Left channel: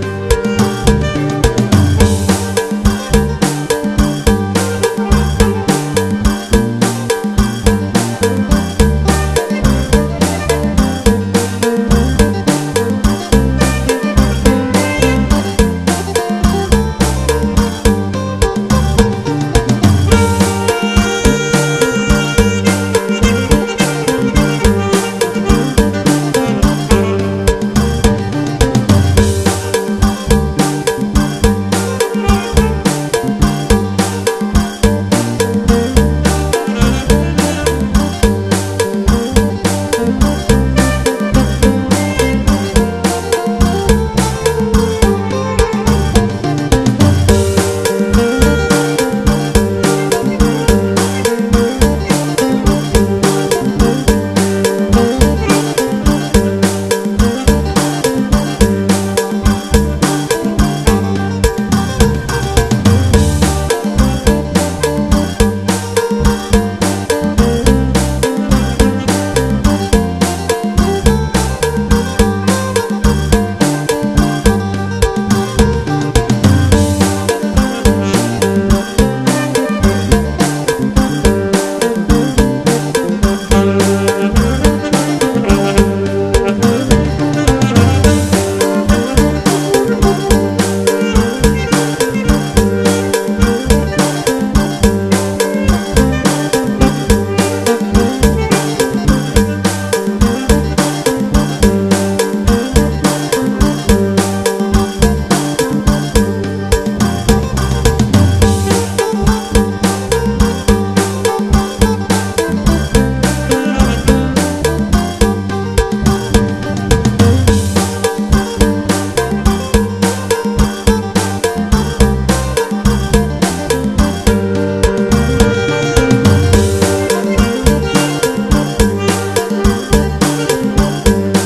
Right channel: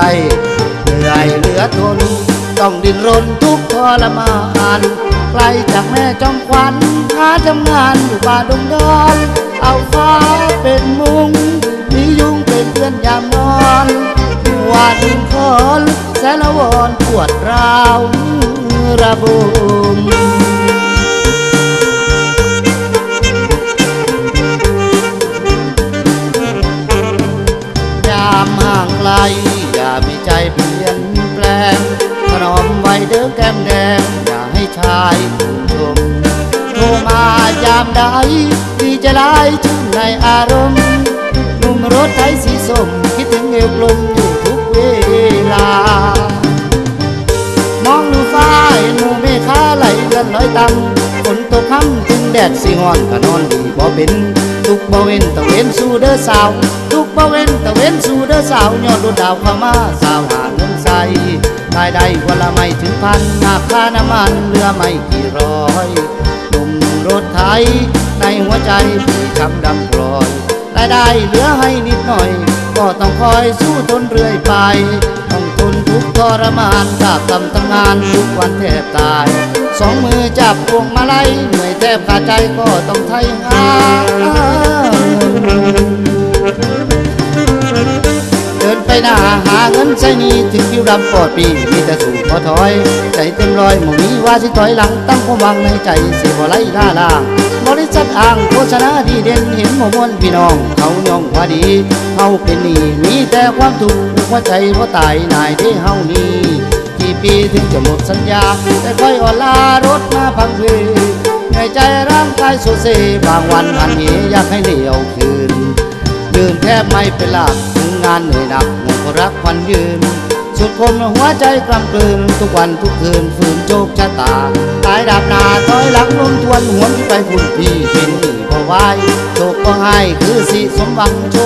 ไรเหนื่อยเหลือทนต้องดิ้นรนทุกข์ทรมานไกลจากแม่จอมขวัญหาทำงานอยู่ป่าดงดอนเอาฟ้าเป็นมุงมียุงเป็นเพื่อนยามนอนวาดถึงคนแสนละวอนปวดร้าวระบมยามห่างไกลอย่ามีใจเปลี่ยนแปลงถนอมไว้เด้อแก้มแดงอย่าให้ชายผู้ชมโทรมายามใดที่จะได้ชุ่มในอารมณ์ลุงรถไถสีส้มคิดถึงเอวลมอยู่ทุกเวลามองดูฟ้าหนูเมฆาไหลเดือนลอยต่ำฝนตกค่ำจึงแดดสิงอนก็นอนดีบ่เป็นทุกบ่เว้นตะเว้นสู่เด้อสาวทุกบ่เว้นตะเว้นสู่เด้อสาวยอดดวงดาวเข้ามาสาวหาเงินใส่รายได้วันละไม่ถึงพันหากค่าน้ำมันเรือไม่กี่ร้อยหนุ่มรถไถในหัวใจพี่คำดำกรอยรายได้เหลือให้นิดหน่อยก็ต้องคอยสู้ทนเรื่อยไปต้องทนทุกข์ทรมานจากกำทำงานทุกวันแทบตายสองมือจับพวงมาลัยเหนื่อยแทบขาดใจก็ต้องไถนาเดินไปหน้าหาเงินใช้หนี้ถึงคิวดำปอดปีมีแต่สูงพอถอยใจเต็มร้อยหมู่นี้ว่าสิถอยหลังตั้งความหวังในใจสิบ่ไหลล่าล่าบริษัทอ่างโฆษณาดีเด่นเห็นหมู่มวลพี่น้องเขายอมว่าดีเขาเป็นหนี้มีแต่ความทุกข์หัวใจบ่ตายนายที่เฮานี้กี่ปีถึงจะหมดสัญญาแต่ค่อยอ่อนลารถมาบางเวในใจร่างกายสุดเซบางวันหันเหอยากให้เดี่ยวคืนยืนแทบไม่เป็นหลักถึงงานเหนื่อยหนักหมดรักวันยืนสุดคนหัวใจกลำกลืนทุกวันทุกคืนฝืนโชคชะตาตายดาบหน้าถอยหลังลงทวนหวนไปบุญพี่เป็นหนี้บ่ไหวโชคก็ให้คือสิสมหวังโช